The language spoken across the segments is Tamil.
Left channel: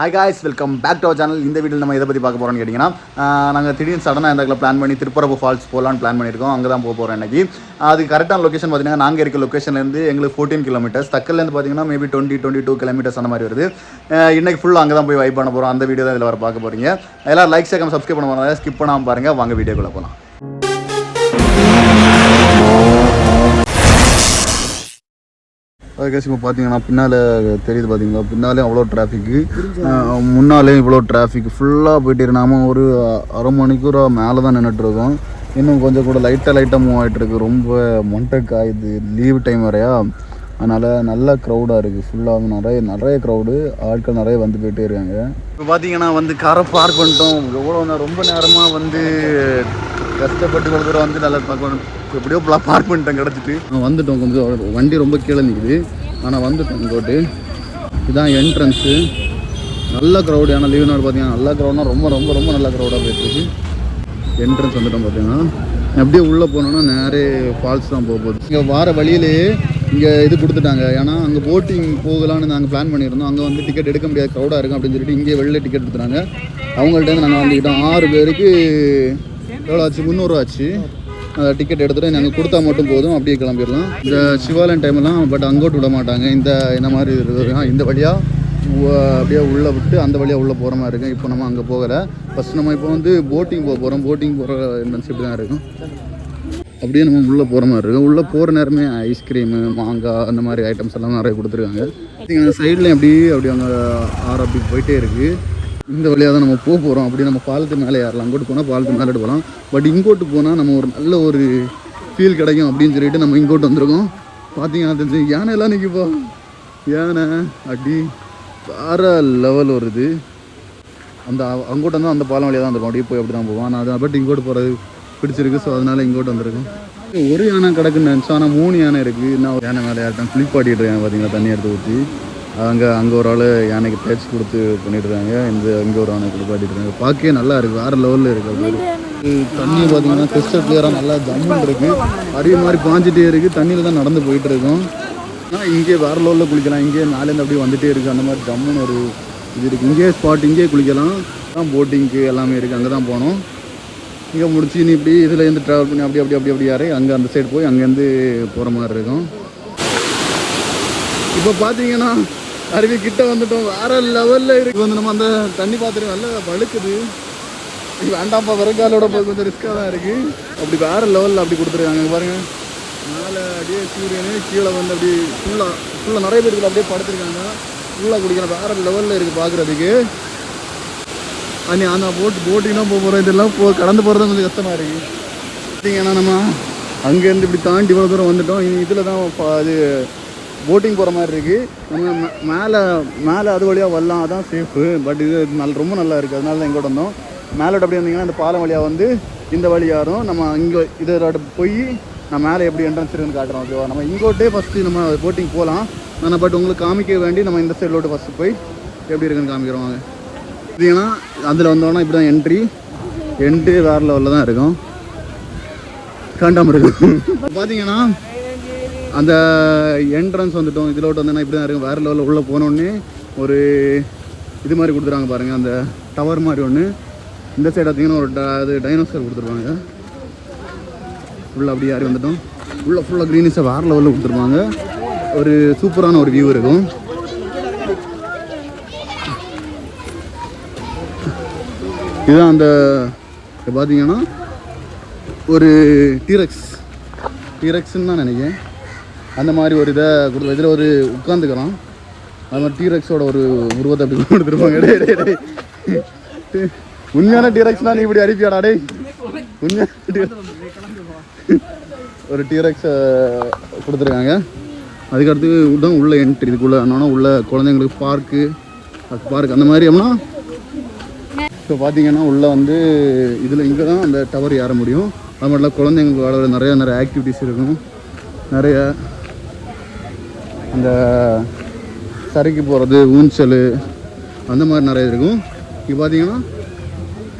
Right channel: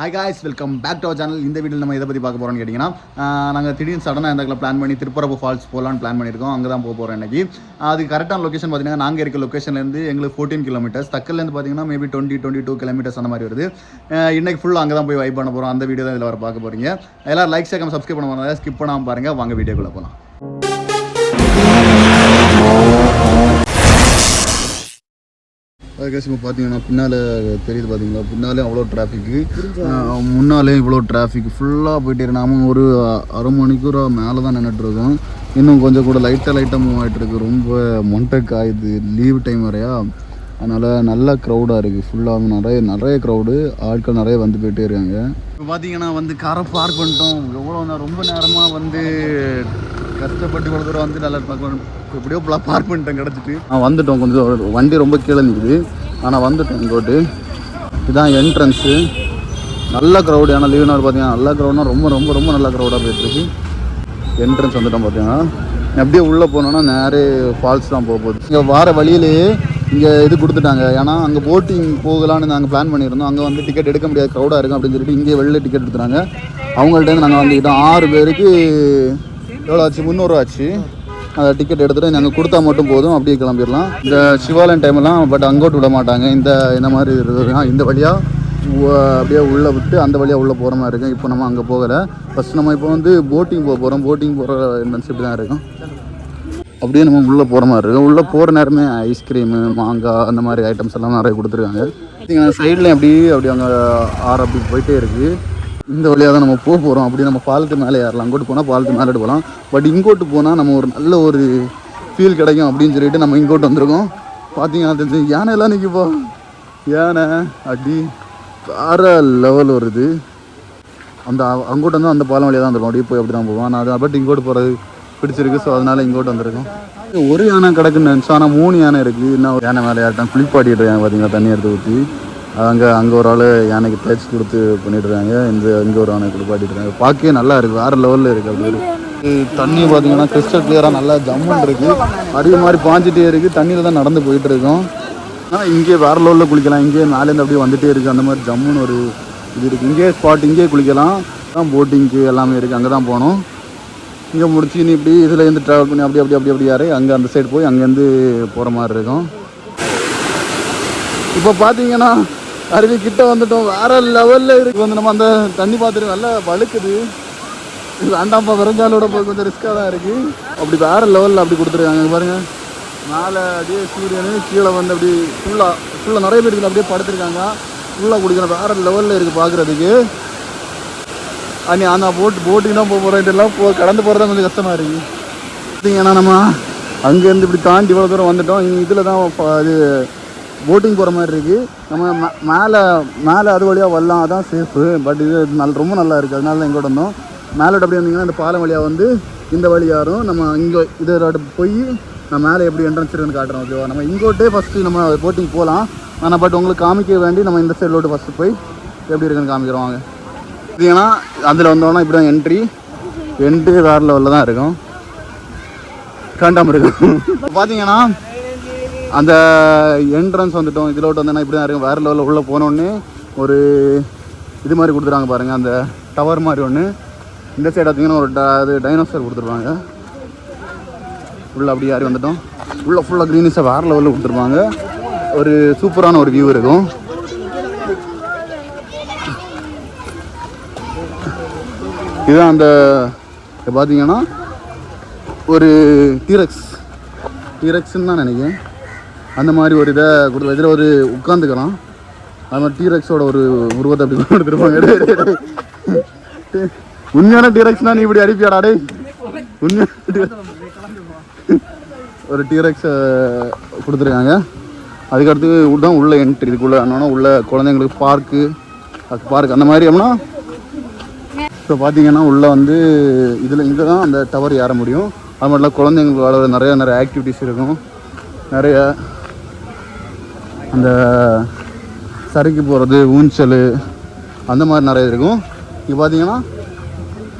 Hi guys, welcome back to our channel. இந்த வீடியோவில் நம்ம எதை பற்றி பார்க்க போகிறோம்னு கேட்டிங்கன்னா, நாங்கள் திடீர்னு சடனாக இந்த பிளான் பண்ணி திருப்பரப்பு ஃபால்ஸ் போகலான்னு பிளான் பண்ணியிருக்கோம். அங்கே தான் போக போகிறோம் இன்றைக்கி. அது கரெக்டான லொக்கேஷன் பார்த்தீங்கன்னா, நாங்கள் இருக்க லொக்கேஷன்லேருந்து எங்களுக்கு 14 கிலோமீட்டர்ஸ், தக்கல்லேருந்து பார்த்தீங்கன்னா மேபி 22 கிலோமீட்டர்ஸ் அந்த மாதிரி வருது. இன்றைக்கி ஃபுல்லாக அங்கே தான் போய் வைப் பண்ண போகிறோம். அந்த வீடியோ தான் இதில் வர பார்க்க போகிறீங்க. எல்லோரும் லைக் சேகம் சப்ஸ்கிரைப் பண்ண போகிறாங்க, ஸ்கிப் பண்ணாமல் பாருங்கள். வாங்க வீடியோக்குள்ளே போகலாம். அதுக்காக இப்போ பார்த்தீங்கன்னா பின்னால் தெரியுது பார்த்தீங்களா, பின்னாலே அவ்வளோ டிராஃபிக்கு, முன்னாலே இவ்வளோ டிராஃபிக் ஃபுல்லாக போயிட்டு நாம ஒரு அரை மணிக்கூர் மேலே தான் நின்றுட்டுருக்கோம். இன்னும் கொஞ்சம் கூட லைட்டாக மூவ் ஆகிட்டுருக்கு. ரொம்ப மொண்டை காயுது, லீவ் டைம் வரையா, அதனால் நல்ல க்ரௌடாக இருக்குது. ஃபுல்லாக நிறைய க்ரௌடு, ஆட்கள் நிறைய வந்து போயிட்டே இருக்காங்க. இப்போ பார்த்தீங்கன்னா காரை பார்க் பண்ணிட்டோம். எவ்வளோ ரொம்ப நேரமாக கஷ்டப்பட்டு இவ்வளோ தூரம் நல்லா எப்படியோ பார்க் பண்ணிட்டேன், கிடச்சிட்டு வந்துட்டோம். கொஞ்சம் வண்டி ரொம்ப கீழே நிற்குது, ஆனால் வந்துட்டோம். இங்கோட்டு இதுதான் என்ட்ரன்ஸு. நல்ல க்ரௌடு, ஆனால் லீவ் நாள் பார்த்தீங்கன்னா நல்ல க்ரௌட்னா ரொம்ப நல்ல க்ரௌடாக போயிட்டுருக்கு. என்ட்ரன்ஸ் வந்துட்டோம். பார்த்தீங்கன்னா அப்படியே உள்ளே போனோன்னா நேரே ஃபால்ஸ் தான் போகுது. இங்கே வார வழியிலேயே இங்கே இது கொடுத்துட்டாங்க. ஏன்னா அங்கே போட்டிங் போகலான்னு நாங்கள் பிளான் பண்ணியிருந்தோம். அங்கே டிக்கெட் எடுக்க முடியாது, க்ரௌடாக இருக்கும் அப்படின்னு சொல்லிட்டு இங்கே வெளில டிக்கெட் எடுத்துட்டாங்க. அவங்கள்ட்ட நாங்கள் வந்துக்கிட்டோம். 6 பேருக்கு எவ்வளோ ஆச்சு? 300 ரூபா ஆச்சு. அதை டிக்கெட் எடுத்துகிட்டு நாங்கள் கொடுத்தா மட்டும் போதும், அப்படியே கிளம்பிடலாம். இந்த சிவாலயம் டைமெல்லாம் பட் அங்கோட்டு விட மாட்டாங்க. இந்த மாதிரி இருக்குதுன்னா இந்த வழியாக அப்படியே உள்ளே விட்டு அந்த வழியாக உள்ளே போகிற மாதிரி இருக்கும். இப்போ நம்ம அங்கே போகலை. ஃபஸ்ட் நம்ம இப்போ போட்டிங் போக போகிறோம். போட்டிங் போகிற என்ட்ரன்ஸ் இப்படி தான் இருக்கும். அப்படியே நம்ம உள்ளே போகிற மாதிரி இருக்கும். உள்ளே போகிற நேரமே ஐஸ்கிரீமு, மாங்காய், அந்த மாதிரி ஐட்டம்ஸ் எல்லாம் நிறைய கொடுத்துருக்காங்க. சைடில் அப்படி அங்கே ஆறு அப்படி போயிட்டே இருக்குது. இந்த வழியாக தான் நம்ம போக போகிறோம். அப்படி நம்ம பாலத்து மேலே ஏறலாம். அங்கோட்டு போனால் பாலத்து மேலே போகலாம். பட் இங்கோட்டு போனால் நம்ம ஒரு நல்ல ஒரு ஃபீல் கிடைக்கும் அப்படின்னு சொல்லிட்டு நம்ம இங்கோட்டு வந்திருக்கோம். பார்த்தீங்கன்னா தெரிஞ்சு யானையெல்லாம் நிற்கிப்போ, யானை அப்படி வேறு லெவல் வருது. அங்கோட்டு வந்து அந்த பாலம் வழியாக தான் இருக்கும். அப்படியே போய் அப்படி தான் போவோம். நான் அது பட் இங்கோட்டு போகிறது பிடிச்சிருக்கு. ஸோ அதனால் இங்கோட்டு வந்திருக்கோம். ஒரு யானை கிடக்குன்னு நினச்சோம், ஆனால் 3 யானை இருக்குது. இன்னும் ஒரு யானை மேலே யார்ட்டான் குளிப்பாட்டிட்டு இருக்காங்க. பார்த்தீங்கன்னா தண்ணி எடுத்து ஊற்றி அங்கே ஒரு ஆள் யானைக்கு தேய்ச்சி கொடுத்து பண்ணிட்டுருக்காங்க. இங்கே ஒரு யானை குளிப்பாட்டிட்டு இருக்காங்க. பார்க்கவே நல்லா இருக்குது, வேறு லெவலில் இருக்குது. அப்படி தண்ணி பார்த்தீங்கன்னா கிறிஸ்டல் கிளியராக நல்லா ஜம்முன்னு இருக்குது. நிறைய மாதிரி பாஞ்சிட்டே இருக்குது. தண்ணியில் தான் நடந்து போயிட்டு இருக்கோம். ஆனால் இங்கே வேறு லெவலில் குளிக்கலாம். இங்கே மேலேருந்து அப்படியே வந்துகிட்டே இருக்குது. அந்த மாதிரி ஜம்முன்னு ஒரு இது இருக்குது. இங்கே ஸ்பாட், இங்கே குளிக்கலாம். தான் போட்டிங்க்கு எல்லாமே இருக்குது. அங்கே தான் போகணும். இங்கே முடிச்சு நீ இப்படி இதுலேருந்து ட்ராவல் பண்ணி அப்படி யாரே அங்கே அந்த சைடு போய் அங்கேருந்து போகிற மாதிரி இருக்கும். இப்போ பார்த்தீங்கன்னா அருவி கிட்ட வந்துட்டோம். வேறு லெவலில் இருக்குது. நம்ம அந்த தண்ணி பார்த்துட்டு நல்லா வழுக்குது. வேண்டாம்ப்பா, வெறுங்காலோட போய் கொஞ்சம் ரிஸ்க்காக தான் இருக்குது. அப்படி வேறு லெவலில் அப்படி கொடுத்துருக்காங்க பாருங்கள். மேலே அப்படியே சூரியனே கீழே வந்து அப்படி ஃபுல்லாக நிறைய பேருக்கு அப்படியே படுத்துருக்காங்க. ஃபுல்லாக குடிக்கணும். வேறு லெவலில் இருக்குது பார்க்குறதுக்கு. ஆனால் போட்டிங் தான் போக போகிறோம். இதெல்லாம் கடந்து போகிறது தான் கொஞ்சம் கஷ்டமாக இருக்குது. பார்த்தீங்கன்னா நம்ம அங்கேருந்து இப்படி தாண்டி இவ்வளோ தூரம் வந்துட்டோம். இதில் தான் இது போட்டிங் போகிற மாதிரி இருக்குது. நம்ம மேலே அது வழியாக வரலாம், அதான் சேஃபு. பட் இது ரொம்ப நல்லா இருக்குது. அதனால தான் இங்கோட்டு வந்தோம். மேலோட்டு அப்படி வந்தீங்கன்னா இந்த பாலம் வழியாக வந்து இந்த வழியாரும் நம்ம இங்கே இது போய் நான் மேலே எப்படி என்ட்ரன்ஸ் இருக்குன்னு காட்டுறோம். ஓகேவா? நம்ம இங்கோட்டே ஃபஸ்ட்டு நம்ம போட்டிங் போகலாம். ஆனால் பட் உங்களுக்கு காமிக்க வேண்டி நம்ம இந்த சைட்லோட்டு ஃபஸ்ட்டு போய் எப்படி இருக்குன்னு காமிக்கிறோம். வாங்க. பார்த்தீங்கன்னா அதில் வந்தோன்னா இப்படி தான் என்ட்ரி வேறு லெவலில் தான் இருக்கும். காண்டாமல் இருக்கும். பார்த்தீங்கன்னா அந்த என்ட்ரன்ஸ் வந்துட்டோம். இதில் விட்டு வந்தோன்னா இப்படி தான் இருக்கும். வேறு லெவலில் உள்ளே போனோடனே ஒரு இது மாதிரி கொடுத்துருவாங்க பாருங்கள், அந்த டவர் மாதிரி ஒன்று. இந்த சைடு பார்த்தீங்கன்னா ஒரு டைனோசர் கொடுத்துருவாங்க. உள்ளே அப்படியே யாரி வந்துட்டோம். உள்ளே ஃபுல்லாக க்ரீனிஸாக வேறு லெவலில் கொடுத்துருப்பாங்க. ஒரு சூப்பரான ஒரு வியூ இருக்கும். இதுதான் அந்த பார்த்தீங்கன்னா ஒரு டீரெக்ஸ்ன்னு தான் நினைக்கிறேன். அந்த மாதிரி ஒரு இதை கொடுத்து இதில் ஒரு உட்காந்துக்கலாம். அது மாதிரி டீரெக்ஸோட ஒரு உருவத்தை அப்படி கொடுத்துருப்பாங்க. உண்மையான டீரெக்ஸ்னா நீ இப்படி அனுப்பியாடா டே. ஒரு டீரெக்ஸ் கொடுத்துருக்காங்க. அதுக்கடுத்து தான் உள்ள என்ட்ரி. இதுக்குள்ளே என்னன்னா உள்ள குழந்தைங்களுக்கு பார்க்கு அந்த மாதிரி அப்படின்னா. இப்போ பார்த்தீங்கன்னா உள்ளே இங்கே தான் அந்த டவர் ஏற முடியும். அது மட்டும் குழந்தைங்களுக்கு விளாட நிறைய ஆக்டிவிட்டீஸ் இருக்கும். நிறைய அந்த சறுக்கி போகிறது, ஊஞ்சல், அந்த மாதிரி நிறைய இருக்கும். இப்போ பார்த்தீங்கன்னா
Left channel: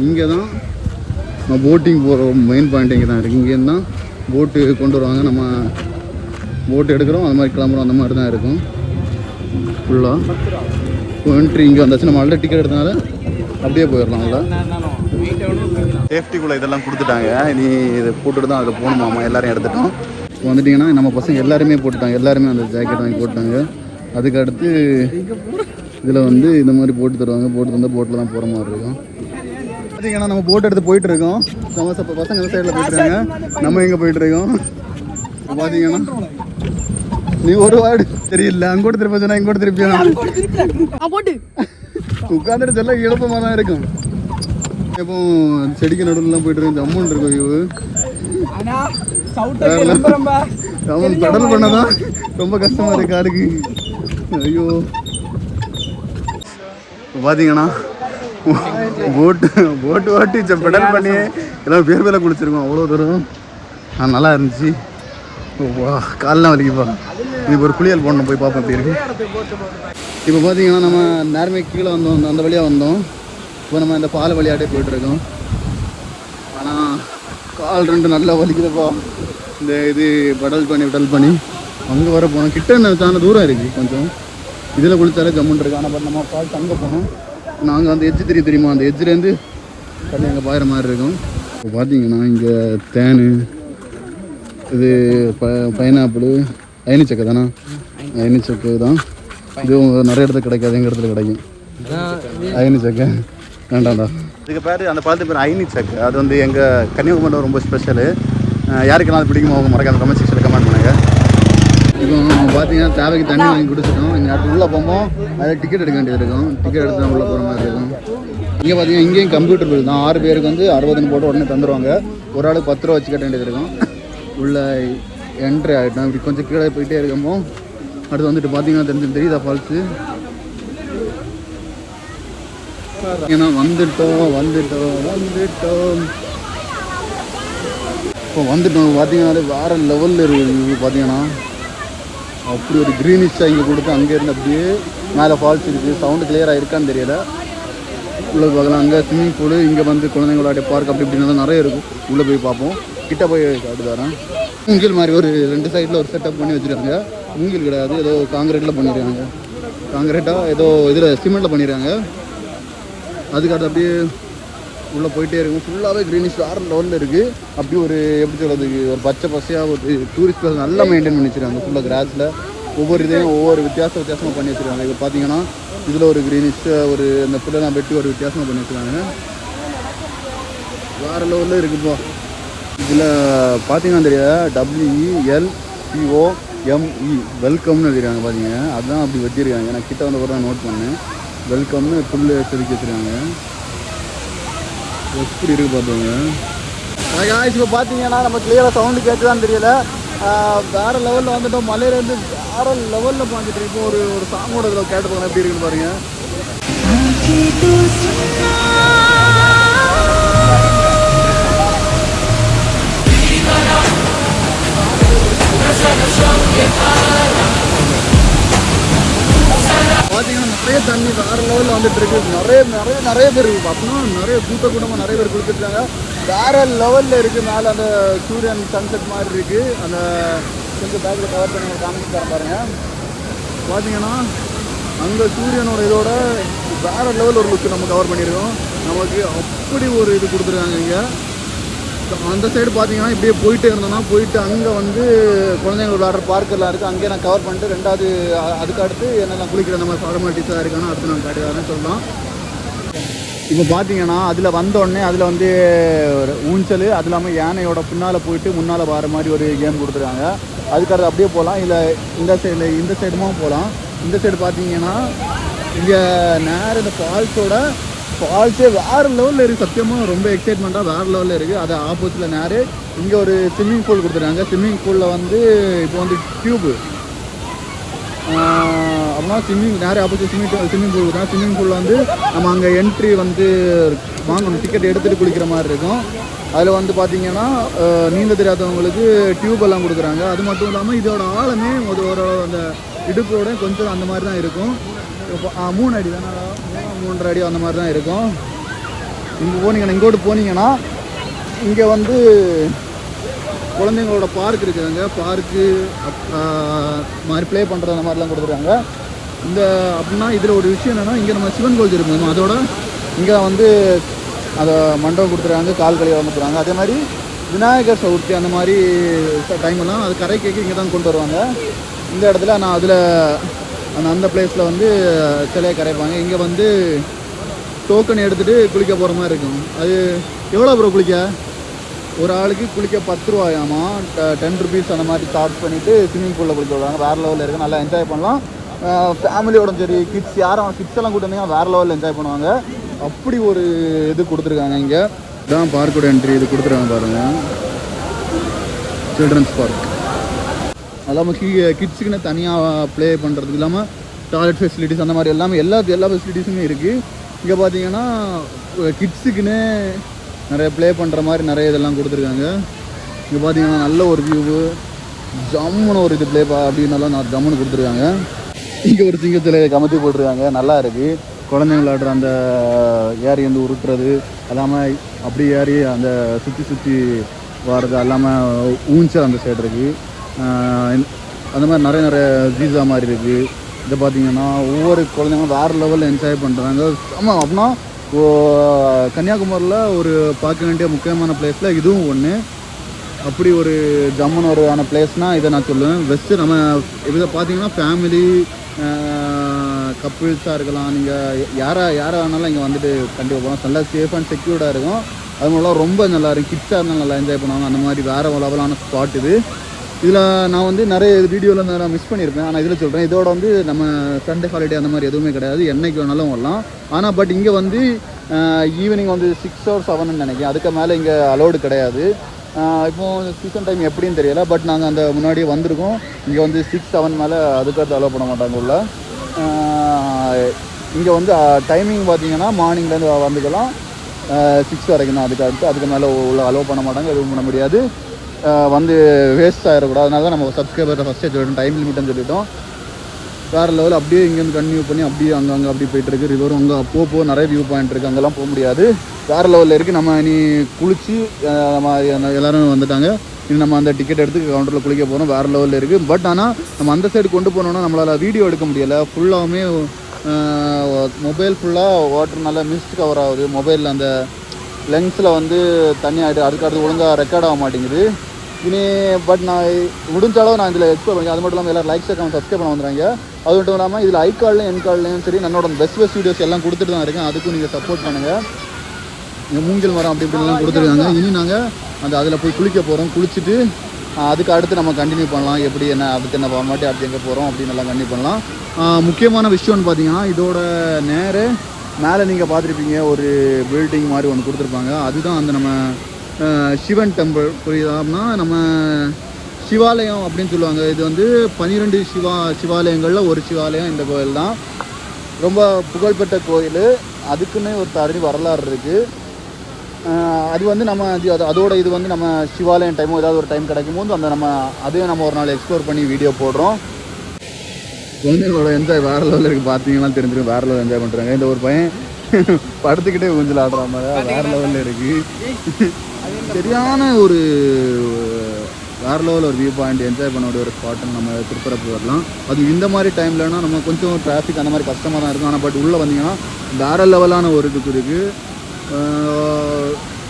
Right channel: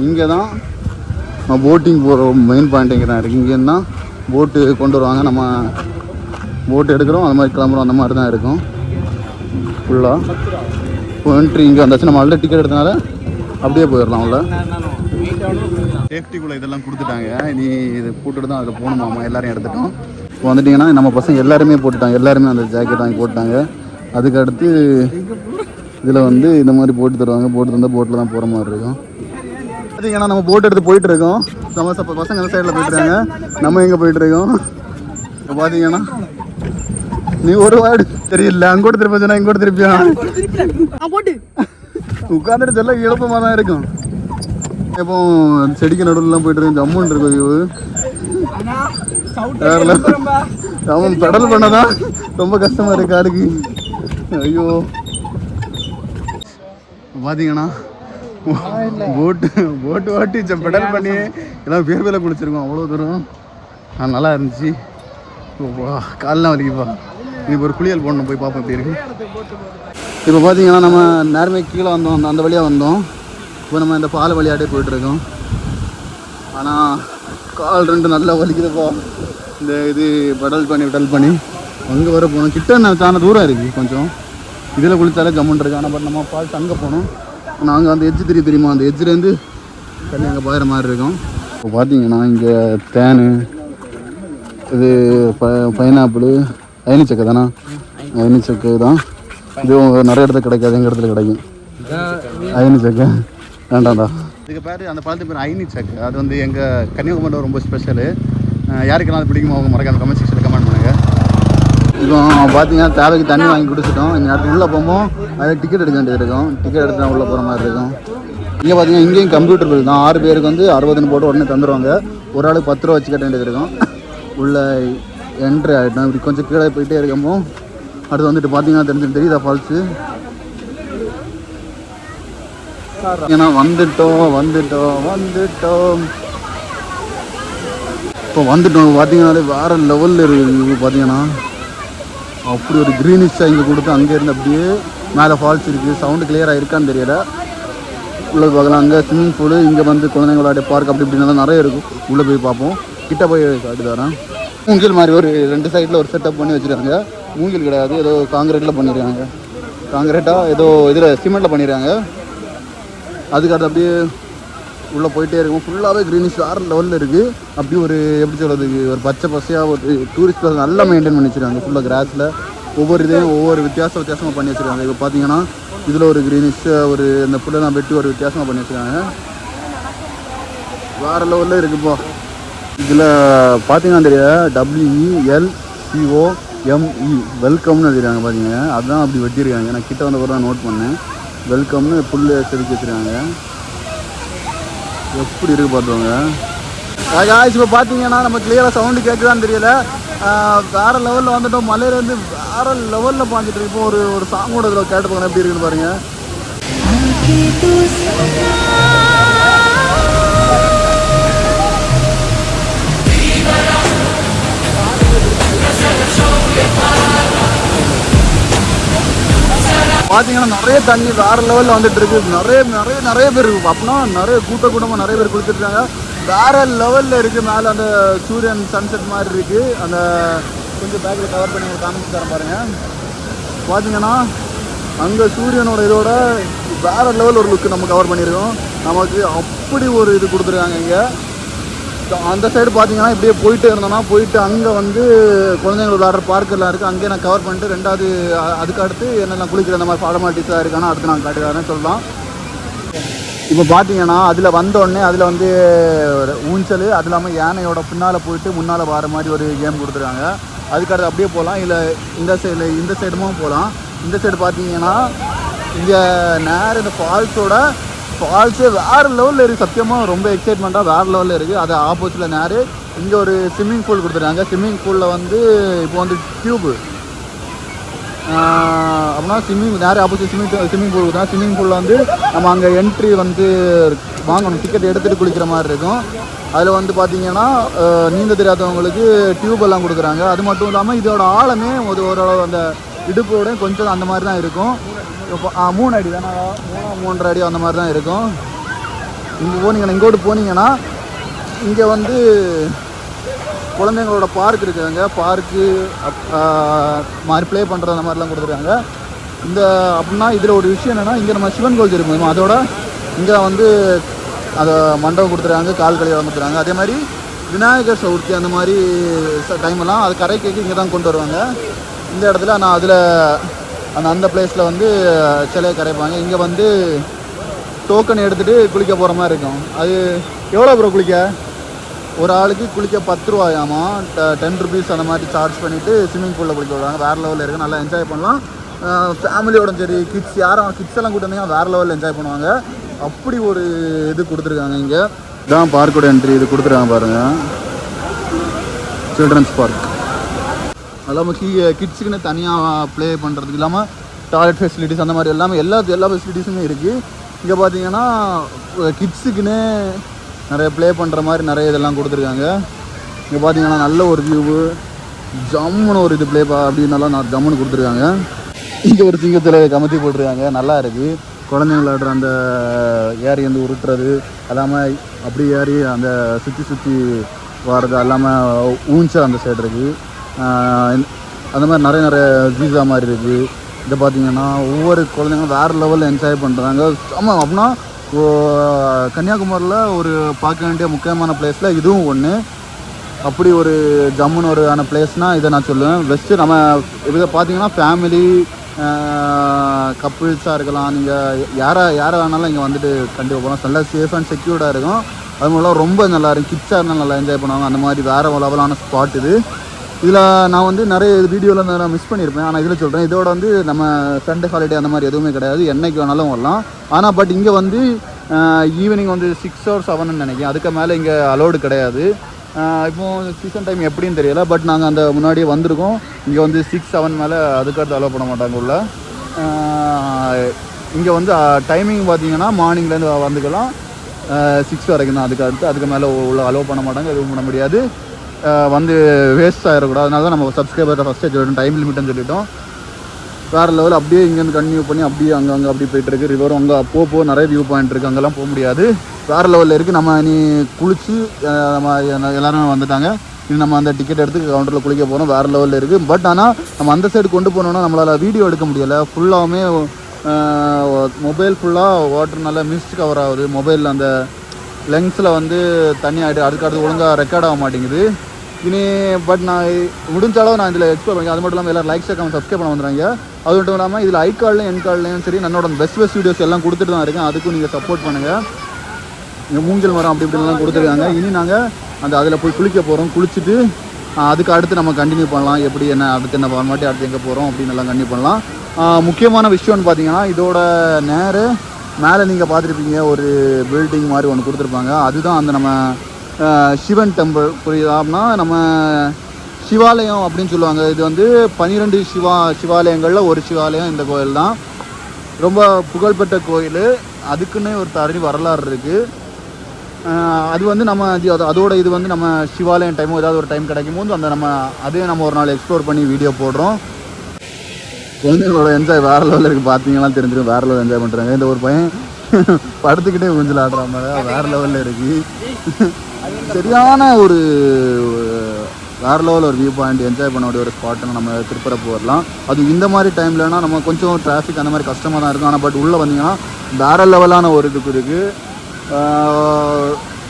இங்கே தான் நம்ம போட்டிங் போகிற மெயின் பாயிண்ட் இங்கே தான் இருக்குது. இங்கேருந்து தான் போட்டு கொண்டு வருவாங்க. நம்ம போட்டு எடுக்கிறோம், அது மாதிரி கிளம்புறோம். அந்த மாதிரி தான் இருக்கும் ஃபுல்லாக. இப்போ என்ட்ரி இங்கே வந்தாச்சு. நம்ம ஆல்ரெடி டிக்கெட் எடுத்தனால அப்படியே போயிடலாம். உள்ள சேஃப்டிக்குள்ளே இதெல்லாம் கொடுத்துட்டாங்க. இனி இதை போட்டுட்டு தான் அதில் போகணுமாம்மா. எல்லோரும் எடுத்துட்டோம். இப்போ வந்துட்டிங்கன்னா நம்ம பசங்க எல்லாருமே போட்டுட்டாங்க. எல்லாருமே அந்த ஜாக்கெட் வாங்கி போட்டாங்க. அதுக்கு அடுத்து இதில் வந்து இந்த மாதிரி போட்டு தருவாங்க. போட்டு தந்தால் போட்டில் தான் போகிற மாதிரி இருக்கும். பார்த்தீங்கன்னா நம்ம போட்டு எடுத்து போயிட்டு இருக்கோம். நம்ம பசங்க அந்த சைடில் போயிட்டுருக்காங்க. நம்ம எங்கே போயிட்டு இருக்கோம். இப்போ பார்த்தீங்கன்னா நீ ஒரு வார்டு தெரியல. அங்கோட திருப்பி சொன்னா இங்கோட திருப்பியா உட்காந்துட்டு சொல்ல இழப்பமாக தான் இருக்கும். இப்போ செடிக்கு நடுவுலாம் போயிட்டு இருக்கோம். ஜம்முன்னு இருக்கும் வியூ. அவன் பெடல் பண்ணதான் ரொம்ப கஷ்டமா இருக்கு காருக்கு. ஐயோ பார்த்தீங்கன்னா போட்டு வாட்டி பெடல் பண்ணி எல்லாம் பேர் மேலே குளிச்சிருக்கோம். அவ்வளோ தூரம் நல்லா இருந்துச்சு. காலெலாம் வலிக்குப்பா. இப்போ ஒரு குளியல் போடணும். போய் பார்ப்போம் எப்படி இருக்கு. இப்போ பார்த்தீங்கன்னா நம்ம நேரமே கீழே வந்தோம். அந்த வழியாக வந்தோம். இப்போ நம்ம இந்த பால் வழியாட்டே போயிட்டுருக்கோம். ஆனால் கால் ரெண்டு நல்லா வலிக்குதுப்பா. இந்த இது விடல் பண்ணி அங்கே வர போகணும். கிட்ட நான் தூரம் இருக்குது கொஞ்சம். இதில் குளித்தாலே ஜம்முன் இருக்கு. அந்த பால் தங்க போகணும். நாங்கள் அந்த எஜ்ஜு தெரியுமா, அந்த எஜ்ஜுலேருந்து அது அங்கே பாயிற மாதிரி இருக்கும். இப்போ பார்த்தீங்கன்னா இங்கே தேன், இது பைனாப்பிள், ஐனிச்சக்கை தானே. ஐனிச்சக்கை தான் இதுவும் நிறைய இடத்துல கிடைக்காது. எங்கள் இடத்துல கிடைக்கும் ஐனிச்சக்கை. வேண்டாம்டா. இதுக்கு பேர் அந்த பழத்துக்கு பேர் ஐனிச்சக்கை. அது வந்து எங்கள் கன்னியாகுமரியில் ரொம்ப ஸ்பெஷலு. யாருக்கெல்லாம் அது பிடிக்குமோ அவங்க மறக்காம கமெண்ட் செக்ஷனில் கமெண்ட் பண்ணுங்கள். இப்போ பார்த்தீங்கன்னா தேவைக்கு தண்ணி வாங்கி குடிச்சிட்டோம். இங்கே அடுத்து உள்ளே போகும்போது அது டிக்கெட் எடுக்க வேண்டியது இருக்கும். டிக்கெட் எடுத்து தான் உள்ளே போகிற மாதிரி இருக்கும். இங்கே பார்த்தீங்கன்னா இங்கேயும் கம்ப்யூட்டர் பில் தான். 6 பேருக்கு வந்து 60 போட்டு உடனே தந்துடுவாங்க. ஒரு ஆளுக்கு 10 ரூபா வச்சு கட்ட வேண்டியது இருக்கும். உள்ளே என்ட்ரி ஆகிட்டோம். இப்படி கொஞ்சம் கீழே போயிட்டே இருக்கமோ அடுத்து வந்துட்டு பார்த்தீங்கன்னா தெரியுதா ஃபால்ஸு. ஏன்னா வந்துட்டோம். இப்போ வந்துட்டோம். பார்த்தீங்கன்னா வேறு லெவலில் இருக்குது. பார்த்தீங்கன்னா அப்படி ஒரு க்ரீனிஷாக இங்கே கொடுத்து அங்கேருந்து அப்படியே மேலே ஃபால்ஸ் இருக்குது. சவுண்டு கிளியராக இருக்கான்னு தெரியல. உள்ளே பார்க்கலாம். அங்கே ஸ்விம்மிங் பூலு, இங்கே வந்து குழந்தைங்களோட பார்க் அப்படி இப்படின்னாலும் நிறைய இருக்கும். உள்ளே போய் பார்ப்போம். கிட்ட போய் காட்டு தரேன். மூங்கில் மாதிரி ஒரு 2 சைடில் ஒரு செட்டப் பண்ணி வச்சுருக்காங்க. மூங்கில் கிடையாது, ஏதோ காங்கிரீட்டில் பண்ணியிருக்காங்க. காங்கிரீட்டாக ஏதோ இதில் சிமெண்ட்டில் பண்ணிடுறாங்க. அதுக்காக அப்படியே உள்ளே போயிட்டே இருக்கும். ஃபுல்லாகவே க்ரீனிஷ் வேறு லெவலில் இருக்குது. அப்படி ஒரு எப்படி சொல்கிறது, ஒரு பச்சை பசையாக ஒரு டூரிஸ்ட் பிளேஸ் நல்லா மெயின்டைன் பண்ணி வச்சுருக்காங்க. ஃபுல்லாக கிராஸில் ஒவ்வொரு இதையும் ஒவ்வொரு வித்தியாசமாக பண்ணி வச்சுருக்காங்க. இப்போ பார்த்தீங்கன்னா இதில் ஒரு க்ரீனிஷ், ஒரு இந்த புல்லெல்லாம் வெட்டி ஒரு வித்தியாசமாக பண்ணி வச்சுருக்காங்க. வேறு லெவலில் இருக்குப்பா. இதில் பார்த்தீங்கன்னா தெரியாது WELCOME வெல்கம்னு எழுதிருக்காங்க. பார்த்தீங்க அதுதான் அப்படி வச்சுருக்காங்க. நான் கிட்ட வந்த கூட நோட் பண்ணேன். வெல்கம்னு புல் செதுக்கி வச்சுருக்காங்க. எப்படி இருக்குது பார்த்துவாங்க. இப்போ பார்த்தீங்கன்னா நம்ம கிளியராக சவுண்டு கேட்டுதான் தெரியல. வேறு லெவலில் வந்துட்டோம். மலையிலேருந்து வேறு லெவலில் பார்த்துட்டு இப்போ ஒரு சாங்கோட இதில் கேட்டு போங்க எப்படி இருக்குன்னு பாருங்கள். பார்த்தீங்கன்னா நிறைய தண்ணி வேறு லெவலில் வந்துட்டு இருக்கு. நிறைய பேர் அப்படின்னா நிறைய கூட்டமாக நிறைய பேர் குளிச்சுருக்காங்க. வேறு லெவலில் இருக்குது. மேலே அந்த சூரியன் சன்செட் மாதிரி இருக்குது. அந்த பார்த்தீங்கன்னா அங்கே சூரியனோட இதோட வேறு லெவல் ஒரு லுக்கு நம்ம கவர் பண்ணியிருக்கோம். நமக்கு அப்படி ஒரு இது கொடுத்துருக்காங்க. இங்கே அந்த சைடு பார்த்தீங்கன்னா இப்படியே போயிட்டே இருந்தோம்னா போயிட்டு அங்கே வந்து குழந்தைங்க விளையாடுற பார்க்கெல்லாம் இருக்குது. அங்கேயே நான் கவர் பண்ணிட்டு ரெண்டாவது அதுக்கு அடுத்து என்னென்ன குளிக்கிற நம்ம ஃபார்மாலிட்டிஸாக இருக்கானா அடுத்து நான் காட்டுக்காரன்னு சொல்லலாம். இப்போ பார்த்தீங்கன்னா அதில் வந்தோடனே அதில் வந்து ஊஞ்சல், அது இல்லாமல் யானையோட பின்னால் போயிட்டு முன்னால் வர மாதிரி ஒரு கேம் கொடுத்துருக்காங்க. அதுக்கடுத்து அப்படியே போகலாம். இல்லை இந்த சைடுமா போகலாம். இந்த சைடு பார்த்தீங்கன்னா இங்கே நேரம் இந்த ஃபால்ஸே வேறு லெவலில் இருக்குது. சத்தியமாக ரொம்ப எக்ஸைட்மெண்ட்டாக வேறு லெவலில் இருக்குது. அது ஆப்போசிட்டில் நேரம் இங்கே ஒரு ஸ்விம்மிங் பூல் கொடுத்துருக்காங்க. ஸ்விம்மிங் பூலில் வந்து இப்போ வந்து டியூபு அப்படின்னா நேரம் ஆப்போசிட் ஸ்விம்மிங் பூல் தான். ஸ்விம்மிங் பூலில் வந்து நம்ம அங்கே என்ட்ரி வந்து வாங்கணும். டிக்கெட் எடுத்துகிட்டு குளிக்கிற மாதிரி இருக்கும். அதில் வந்து பார்த்தீங்கன்னா நீந்த தெரியாதவங்களுக்கு டியூப் எல்லாம் கொடுக்குறாங்க. அது மட்டும் இல்லாமல் இதோட ஆழமே ஒரு அந்த இடுப்போட கொஞ்சம் அந்த மாதிரி தான் இருக்கும். 3 அடி தானே, 3.5 அடி அந்த மாதிரி தான் இருக்கும். இங்கோட்டு போனீங்கன்னா இங்கே வந்து குழந்தைங்களோட பார்க் இருக்குதுங்க. பார்க்கு மாதிரி ப்ளே பண்ணுற அந்த மாதிரிலாம் கொடுக்குறாங்க. இந்த அப்படின்னா இதில் ஒரு விஷயம் என்னென்னா, இங்கே நம்ம சிவன் கோவில் இருக்கும், அதோட இங்கே வந்து அதை மண்டபம் கொடுத்துருக்காங்க, கால் கழிவு வந்துருக்காங்க. அதே மாதிரி விநாயகர் சதுர்த்தி அந்த மாதிரி டைம்லாம் அது கரை கேட்க இங்கே தான் கொண்டு வருவாங்க. இந்த இடத்துல நான் அதில் அந்த பிளேஸில் வந்து சிலையை கரைப்பாங்க. இங்கே வந்து டோக்கன் எடுத்துகிட்டு குளிக்க போகிற மாதிரி இருக்கும். அது எவ்வளோ ப்ரோ குளிக்க? ஒரு ஆளுக்கு குளிக்க 10 ரூபாயாமா, 10 ருபீஸ் அந்த மாதிரி சார்ஜ் பண்ணிவிட்டு ஸ்விம்மிங் பூலில் குளிக்க விடுவாங்க. வேறு லெவலில் இருக்குது, நல்லா என்ஜாய் பண்ணலாம். ஃபேமிலியோட சரி, கிட்ஸ் யாரும் கிட்ஸ் எல்லாம் கூட்டணும் வேறு லெவலில் என்ஜாய் பண்ணுவாங்க. அப்படி ஒரு இது கொடுத்துருக்காங்க. இங்கே இதான் பார்க்கோட என்ட்ரி இது கொடுத்துருக்காங்க பாருங்கள், சில்ட்ரன்ஸ் பார்க். இல்லாமல் கிட்ஸுக்குன்னு தனியாக ப்ளே பண்ணுறதுக்கு இல்லாமல் டாய்லெட் ஃபெசிலிட்டிஸ் அந்த மாதிரி எல்லா ஃபெசிலிட்டிஸுமே இருக்குது. இங்கே பார்த்தீங்கன்னா கிட்ஸுக்குன்னு நிறைய ப்ளே பண்ணுற மாதிரி நிறைய இதெல்லாம் கொடுத்துருக்காங்க. இங்கே பார்த்தீங்கன்னா நல்ல ஒரு வியூவு, ஜம்முன்னு ஒரு இது ப்ளே அப்படின்னாலாம் நான் ஜம்முன்னு கொடுத்துருக்காங்க. இங்கே ஒரு சிங்கத்தில் கமத்தி போட்டிருக்காங்க, நல்லா இருக்குது. குழந்தைங்க விளையாடுற அந்த ஏரி வந்து உருட்டுறது இல்லாமல் அப்படி ஏறி அந்த சுற்றி வர்றது இல்லாமல் ஊஞ்சா அந்த சைடு இருக்குது. அந்த மாதிரி நிறைய ஜீசா மாதிரி இருக்குது. இதை பார்த்தீங்கன்னா ஒவ்வொரு குழந்தைங்களும் வேறு லெவலில் என்ஜாய் பண்ணுறாங்க. ஆமாம், அப்படின்னா கன்னியாகுமரியில் ஒரு பார்க்க வேண்டிய முக்கியமான பிளேஸில் இதுவும் ஒன்று. அப்படி ஒரு ஜம்முன்னு ஒரு ஆன பிளேஸ்னால் இதை நான் சொல்லுவேன். பெஸ்ட்டு நம்ம இதை பார்த்தீங்கன்னா ஃபேமிலி கப்புள்ஸாக இருக்கலாம், நீங்கள் யாரை வேணாலும் இங்கே வந்துட்டு கண்டிப்பாக போகலாம். நல்லா சேஃப் அண்ட் செக்யூர்டாக இருக்கும். அது மூலம் ரொம்ப நல்லா இருக்கும். கிட்ஸாக இருந்தாலும் நல்லா என்ஜாய் பண்ணுவாங்க. அந்த மாதிரி வேறு லெவலான ஸ்பாட் இது. இதில் நான் வந்து நிறைய வீடியோவில் நான் மிஸ் பண்ணியிருப்பேன், ஆனால் இதில் சொல்கிறேன். இதோட வந்து நம்ம சண்டே ஹாலிடே அந்த மாதிரி எதுவுமே கிடையாது, என்றைக்கு வேணாலும் வரலாம். ஆனால் பட் இங்கே வந்து ஈவினிங் வந்து 6 or 7 நினைக்கிறேன், அதுக்கு மேலே இங்கே அலோடு கிடையாது. இப்போது சீசன் டைம் எப்படின்னு தெரியல, பட் நாங்கள் அந்த முன்னாடியே வந்திருக்கோம். இங்கே வந்து 6, 7 மேலே அதுக்கடுத்து அலோவ் பண்ண மாட்டாங்க உள்ள. இங்கே வந்து டைமிங் பார்த்தீங்கன்னா மார்னிங்லேருந்து வந்துக்கலாம் 6 வரைக்கும் தான். அதுக்கு மேலே அலோவ் பண்ண மாட்டாங்க, எதுவும் பண்ண முடியாது. வந்து வேஸ்ட் ஆகிடக்கூடாது, அதனால தான் நம்ம சப்ஸ்கிரைபர்கிட்ட ஃபஸ்ட்டே சொல்லிட்டோம், டைம் லிமிட்னு சொல்லிட்டோம். வேறு லெவல் அப்படியே இங்கேருந்து கன்டினியூ பண்ணி அப்படியே அங்கே அப்படி போயிட்டுருக்கு. ரிவர் அங்கே அப்போ நிறைய வியூ பாயிண்ட் இருக்குது, அங்கெல்லாம் போக முடியாது. வேறு லெவலில் இருக்குது. நம்ம இனி குளித்து எல்லோரும் வந்துட்டாங்க. இனி நம்ம அந்த டிக்கெட் எடுத்து கவுண்டரில் குளிக்க போகிறோம். வேறு லெவலில் இருக்குது. பட் ஆனால் நம்ம அந்த சைடு கொண்டு போனோன்னா நம்மளால் வீடியோ எடுக்க முடியலை. ஃபுல்லாகவுமே மொபைல் ஃபுல்லாக வாட்டர் நல்லா மிஸ்ட் கவர் ஆகுது. மொபைலில் அந்த லென்ஸில் வந்து தண்ணி ஆகிடுது, அதுக்கடுத்து ஒழுங்காக ரெக்கார்ட் ஆக மாட்டேங்குது இனி. பட் நான் முடிஞ்சாலும் நான் இதில் எக்ஸ்ப்ளோர் பண்ணி, அது மட்டும் இல்லாமல் எல்லோரும் லைக் ஷேர் சப்ஸ்கிரைப் பண்ண வந்துடுறாங்க. அது மட்டும் இல்லாமல் இதில் ஐ கார்ட்லையும் என் கார்ட்லையும் சரி என்னோட பெஸ்ட் வீடியோஸ் எல்லாம் கொடுத்துட்டு தான் இருக்கேன். அதுக்கும் நீங்கள் சப்போர்ட் பண்ணுங்கள். இங்கே மூங்கில் மரம் அப்படி இப்படிலாம் கொடுத்துருக்காங்க. இனி நாங்கள் அதில் போய் குளிக்க போகிறோம். குளிச்சுட்டு அதுக்கு அடுத்து நம்ம கண்டினியூ பண்ணலாம். எப்படி என்ன அதுக்கு என்ன பண்ணி அடுத்து எங்கே போகிறோம் அப்படின்னு எல்லாம் கண்டினியூ பண்ணலாம். முக்கியமான விஷயம்னு பார்த்தீங்கன்னா இதோட நேரு மேலே நீங்கள் பார்த்துருப்பீங்க, ஒரு பில்டிங் மாதிரி ஒன்று கொடுத்துருப்பாங்க. அதுதான் அந்த நம்ம சிவன் டெம்பிள், புரியுதாம்னா நம்ம சிவாலயம் அப்படின்னு சொல்லுவாங்க. இது வந்து 12 சிவாலயங்களில் ஒரு சிவாலயம் இந்த கோயில் தான். ரொம்ப புகழ்பெற்ற கோயில், அதுக்குன்னு ஒரு தனி வரலாறு இருக்குது. அது வந்து நம்ம அதோட இது வந்து நம்ம சிவாலயம் டைமோ ஏதாவது ஒரு டைம் கிடைக்கும் போது அதையும் நம்ம ஒரு நாள் எக்ஸ்ப்ளோர் பண்ணி வீடியோ போடுறோம். குழந்தைங்களோட என்ஜாய் வேறு லெவலில் இருக்குது, பார்த்தீங்கன்னா தெரிஞ்சிடும். வேறு லெவலில் என்ஜாய் பண்ணுறாங்க. இந்த ஒரு பையன் படுத்துக்கிட்டே கொஞ்சம் ஆடுற மாதிரி வேறு லெவலில் இருக்குது. சரியான ஒரு வேறு லெவலில் ஒரு வியூ பாயிண்ட், என்ஜாய் பண்ண ஒரு ஸ்பாட்டுன்னு நம்ம திருப்பரப்பு வரலாம். அது இந்த மாதிரி டைம்லனா நம்ம கொஞ்சம் டிராஃபிக் அந்த மாதிரி கஷ்டமாக தான் இருக்கும். ஆனால் பட் உள்ளே வந்தீங்கன்னா வேறு லெவலான ஒரு இதுக்கு இருக்குது.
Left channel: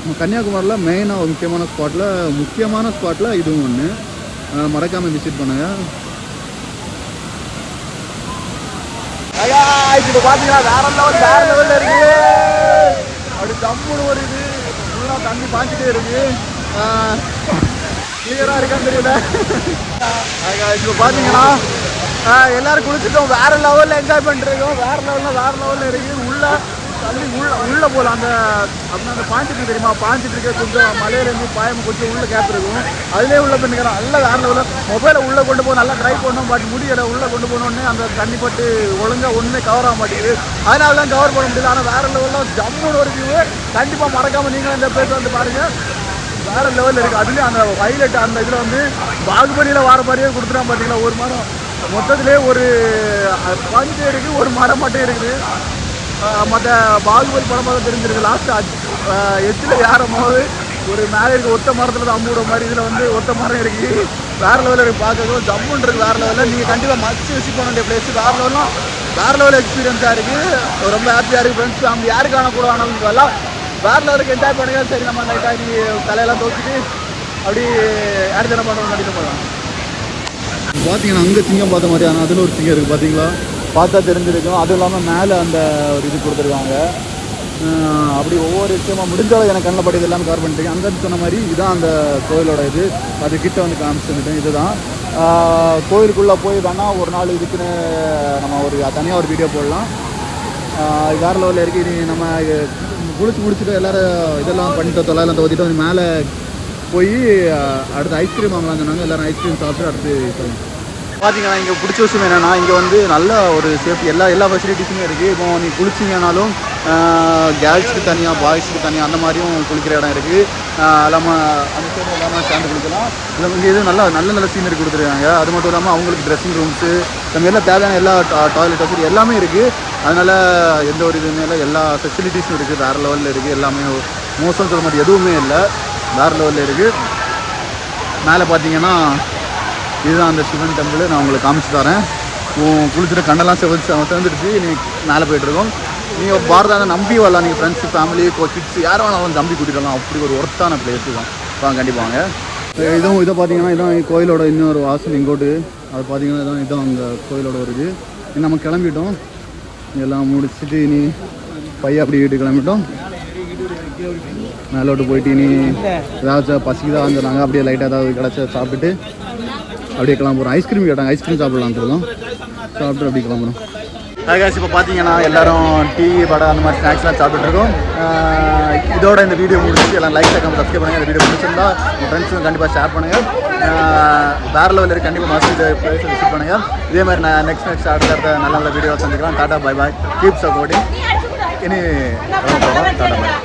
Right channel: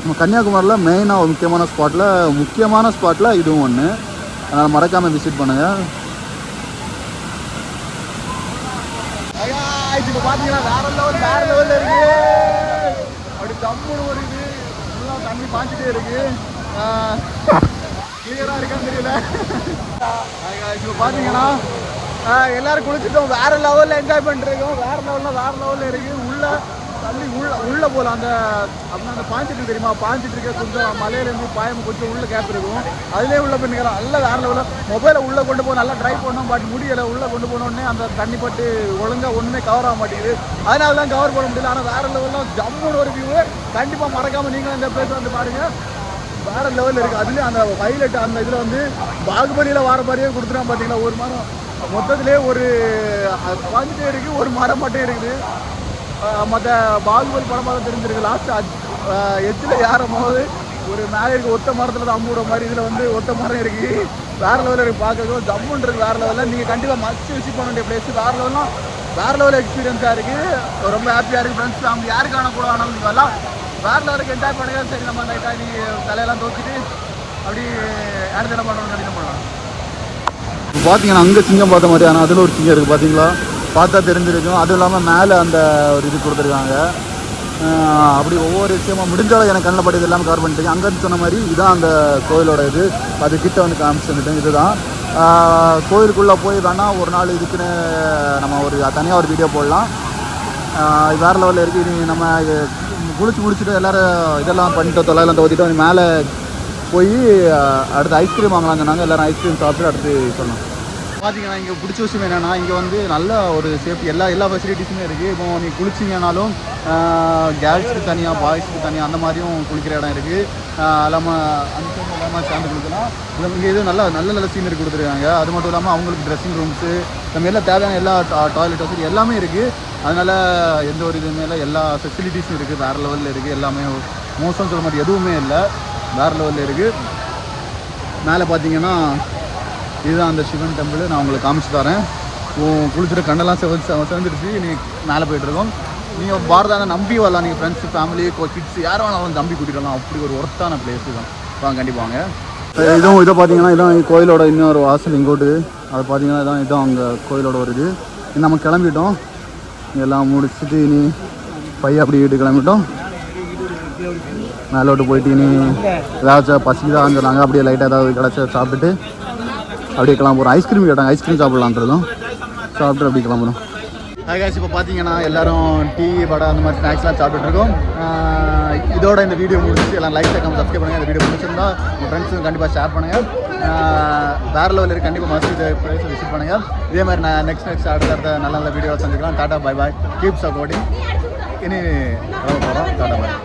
நம்ம கன்னியாகுமரியில் மெயினாக ஒரு முக்கியமான ஸ்பாட்டில் இதுவும் ஒன்று. அதனால் மறக்காமல் விசிட் பண்ணுங்கள். இப்போ பார்த்தீங்கன்னா வேறு லெவலில் இருக்குது. அப்படி தம்பூர் ஒரு இது ஃபுல்லாக தண்ணி பாய்ச்சிட்டே இருக்குது. கிளியராக இருக்கான்னு தெரியல. இப்போ பார்த்தீங்கன்னா எல்லோரும் குளிச்சுட்டோம், வேறு லெவலில் என்ஜாய் பண்ணிருக்கோம். வேறு லெவலில் இருக்குது. உள்ளே போகலாம். அந்த பாஞ்சிட்டு தெரியுமா, பாஞ்சிட்டு இருக்க கொஞ்சம் மலையிலேருந்து பாயம் கொஞ்சம் உள்ளே கேப் இருக்கும். அதிலே உள்ள பெண்ணுக்கிறோம் நல்லா வேறு லெவலில். மொபைலை உள்ளே கொண்டு போக நல்லா ட்ரை பண்ணோம், பட் முடியலை. உள்ளே கொண்டு போனோடனே அந்த தண்ணி பட்டு ஒழுங்காக ஒன்றுமே கவர் ஆக மாட்டேங்குது. அதனால தான் கவர் பண்ண முடியல. ஆனால் வேறு லெவலில் ஜம்மோட ஒரு வியூ கண்டிப்பாக மறக்காமல் நீங்கள் இந்த பேர் வந்து பாருங்கள். வேறு லெவலில் இருக்குது. அதுலேயும் அந்த ஹைலைட் அந்த இதில் வந்து பாகுபலியில் வர மாதிரியே கொடுத்துட்டா பார்த்தீங்களா. ஒரு மரம் மொத்தத்திலே ஒரு பஞ்சு இருக்குது, ஒரு மரம் மட்டும் இருக்குது. மற்ற பாகுபலி படமாக தான் தெரிஞ்சிருக்கு. லாஸ்ட்டு எட்டில் ஏறும் போது ஒரு மேலே இருக்க ஒத்த மரத்தில் தான் அம்பூட மாதிரி இதில் வந்து ஒத்த மரம் இருக்குது. வேறு லெவலில் இருக்குது. பார்க்கறதும் ஜம்முன்னு இருக்குது. வேறு லெவலில் நீங்கள் கண்டிப்பாக மஸ்ட் விசிட் பண்ண வேண்டிய பிளேஸ். வேறு லெவலாம் வேறு லெவல் எக்ஸ்பீரியன்ஸாக இருக்குது. ரொம்ப ஹாப்பியாக இருக்குது ஃப்ரெண்ட்ஸ். ஃபேமிலி யாருக்கான கூட ஆனாலும் எல்லாம் வேறு லெவலுக்கு என்ஜாய் பண்ணுங்க. சரி நம்ம நைட்டாக நீ தலையெல்லாம் தோச்சிட்டு அப்படி யார் தினம் பண்ணுறோம் கண்டிப்பாக பண்ணலாம். இப்போ பார்த்தீங்கன்னா அங்கே சிங்கம் பார்த்த மாதிரி, ஆனால் அதில் ஒரு சிங்கம் இருக்குது பார்த்தீங்களா, பார்த்தா தெரிஞ்சிருக்கும். அதுவும் இல்லாமல் மேலே அந்த ஒரு இது கொடுத்துருக்காங்க. அப்படி ஒவ்வொரு விஷயமும் முடிஞ்சவரை எனக்கு கண்ணை பட்டது எல்லாம் கவர் பண்ணிட்டு அங்கேருந்து சொன்ன மாதிரி இதுதான் அந்த கோயிலோட இது. அது கிட்ட வந்து காமிச்சுட்டேன். இதுதான் கோயிலுக்குள்ளே போய் வேணால் ஒரு நாள் இருக்கிற நம்ம ஒரு தனியாக ஒரு வீடியோ போடலாம். வேறு லெவலில் இருக்குது. இது நம்ம குளிச்சு முடிச்சுட்டு எல்லோரும் இதெல்லாம் பண்ணிட்டு தொலைலாம் தோத்திட்டு அது மேலே போய் அடுத்து ஐஸ்கிரீம் வாங்கலாம்னு சொன்னாங்க. எல்லோரும் ஐஸ்கிரீம் சாப்பிட்டு அடுத்து சொன்னோம். பார்த்தீங்கன்னா இங்கே பிடிச்ச விஷயம் என்னென்னா இங்கே வந்து நல்ல ஒரு சேஃப்டி எல்லா ஃபெசிலிட்டிஸுமே இருக்குது. இப்போ நீ குளிச்சிங்கனாலும் கேர்ள்ஸுக்கு தனியாக பாய்ஸுக்கு தனியாக அந்த மாதிரியும் குளிக்கிற இடம் இருக்குது. இல்லாமல் அந்த சைடு எல்லாமே சேர்ந்து குளிக்கலாம். இதில் இங்கே எதுவும் நல்ல சீனரி கொடுத்துருக்காங்க. அது மட்டும் இல்லாமல் அவங்களுக்கு ட்ரெஸ்ஸிங் ரூம்ஸு நம்ம எல்லாம் தேவையான எல்லா டாய்லெட் வசதி எல்லாமே இருக்குது. அதனால் எந்த ஒரு இதுவுமே இல்லை. எல்லா ஃபெசிலிட்டிஸும் இருக்குது. வேறு லெவலில் இருக்குது. எல்லாமே மோசம் சொல்ல மாதிரி எதுவுமே இல்லை. வேறு லெவலில் இருக்குது. மேலே பார்த்தீங்கன்னா இதுதான் அந்த சிவன் டெம்பிள். நான் உங்களுக்கு காமிச்சு தரேன். குளிச்சுட்டு கண்டெல்லாம் சேர்ந்துடுச்சு. நீ மேலே போய்ட்டுருக்கோம். நீங்கள் பாரதான நம்பி வரலாம். நீங்கள் ஃப்ரெண்ட்ஸு ஃபேமிலி கிட்ஸ் யாரும் வேணாலும் நம்பி கூட்டிகிட்டு வரலாம். அப்படி ஒரு ஒர்த்தான பிளேஸு தான். வாங்க கண்டிப்பாக வாங்க. இதுவும் இதை பார்த்தீங்கன்னா இதான் கோயிலோட இன்னொரு வாசல் இங்கோட்டு. அது பார்த்தீங்கன்னா இதான் அங்கே கோயிலோட ஒரு இது. நம்ம கிளம்பிட்டோம். எல்லாம் முடிச்சுட்டு நீ பையன் அப்படி வீட்டு கிளம்பிட்டோம். மேலோட்டு போயிட்டு நீ ஏதாச்சும் பசிக்கு தான் சொன்னாங்க. அப்படியே லைட்டாக ஏதாவது கிடச்ச சாப்பிட்டுட்டு அப்படியே கிளம்புறோம். ஐஸ்கிரீம் கேட்டாங்க. ஐஸ்கிரீம் சாப்பிட்லான்றதும் சாப்பிட்டு அப்படி கிளம்புறோம். காய்ஸ் இப்போ பார்த்தீங்கன்னா எல்லோரும் டீ வடை அந்த மாதிரி ஸ்நாக்ஸ்லாம் சாப்பிட்டுருக்கோம். இதோட இந்த வீடியோ முடிச்சு எல்லாம் லைக் சப்ஸ்கிரைப் பண்ணுங்கள். இந்த வீடியோ முடிச்சிருந்தா உங்கள் ஃப்ரெண்ட்ஸுக்கும் கண்டிப்பாக ஷேர் பண்ணுங்கள். வேறு லெவலில் கண்டிப்பாக மஸ்ட் பிளேஸை விசிட் பண்ணுங்கள். இதே மாதிரி நான் நெக்ஸ்ட் அடுத்த நல்ல வீடியோ சந்திக்கலாம். Tata bye bye. Keep supporting. இனி டாடா பாய்.